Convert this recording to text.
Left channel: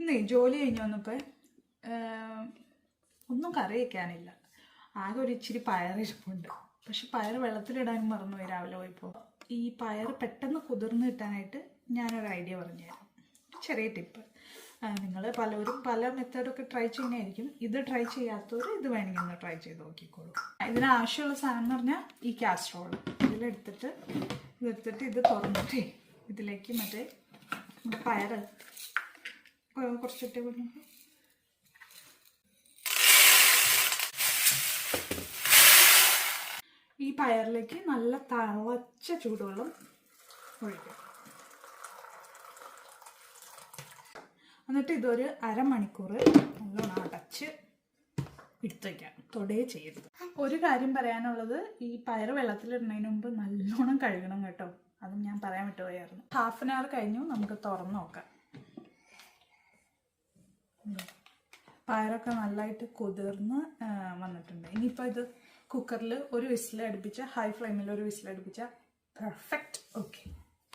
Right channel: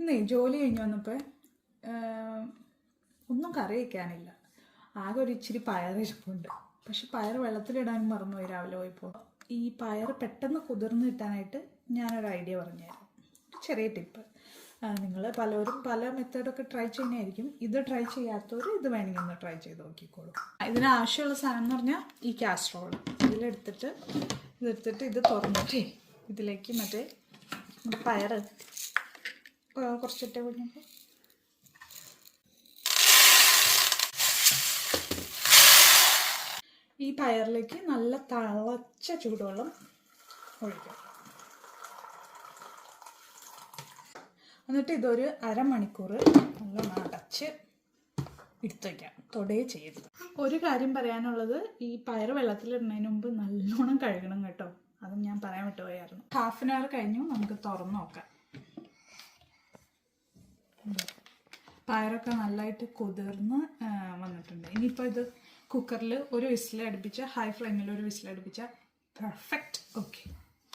ഇന്നേ ജോലി കഴിഞ്ഞ് വന്നപ്പോൾ ഒന്നും കറി വയ്ക്കാനില്ല. ആകെ ഒരു ഇച്ചിരി പയറിരിപ്പുണ്ട്. പക്ഷെ പയർ വെള്ളത്തിലിടാനും മറന്നുപോയി രാവിലെ പോയപ്പോൾ. ഈ പയർ പെട്ടെന്ന് കുതിർന്ന് കിട്ടാനായിട്ട് ഞാനൊരു ഐഡിയ പറഞ്ഞുതരാം. ചെറിയ ടിപ്പ്. നിങ്ങൾ പലരും പല മെത്തേഡൊക്കെ ട്രൈ ചെയ്യുന്നതായിരിക്കും. ഇത് ട്രൈ ചെയ്യാത്തവർ ഇത് വേണമെങ്കിൽ ഒന്ന് ട്രൈ ചെയ്ത് നോക്കിക്കോളൂ. ഇതിനാവശ്യമുള്ള സാധനം എന്ന് പറഞ്ഞാൽ ഈ കാസ്ട്രോൾ ഇതെടുത്തിട്ട് ഇത് തുറന്നിട്ടേ ഇതിലേക്ക് മറ്റേ പയർ കുറച്ചിട്ടേ കൊടുക്കും. ഈ പയറിലേക്ക് നല്ല തിളച്ച ചൂടുവെള്ളം ഒഴിക്കും. എന്നിട്ട് ഇതൊരു അരമണിക്കൂർ നല്ല അടച്ച് എടുത്ത് വയ്ക്കാം. തൊടേ ചെയ്ത്. ഒരു കാര്യം പറയാനുള്ളത്, ഈ പയർ വെള്ളത്തിലിടുന്നതിന് മുമ്പ് നല്ലോണം കഴുകണം കേട്ടോ. അതും ഞാൻ പറയാൻ വിട്ടുപോയായിരുന്നു. ഹാഫ് ആൻ അവർ കഴിഞ്ഞു. നമുക്ക് തുറന്ന് നോക്കാം. പയറൊക്കെ നല്ലതായിട്ട് കുതിർന്ന് വന്നിട്ടുണ്ട്. ഇനിയിപ്പോൾ ഇത് കുക്കറിൽ ഒരു വിസിൽ അടുപ്പിച്ച, ഹൈ ഫ്ലെയിമിൽ ഒരു വിസിൽ അടുപ്പിച്ച പെർഫെക്റ്റ്. ഓക്കെ.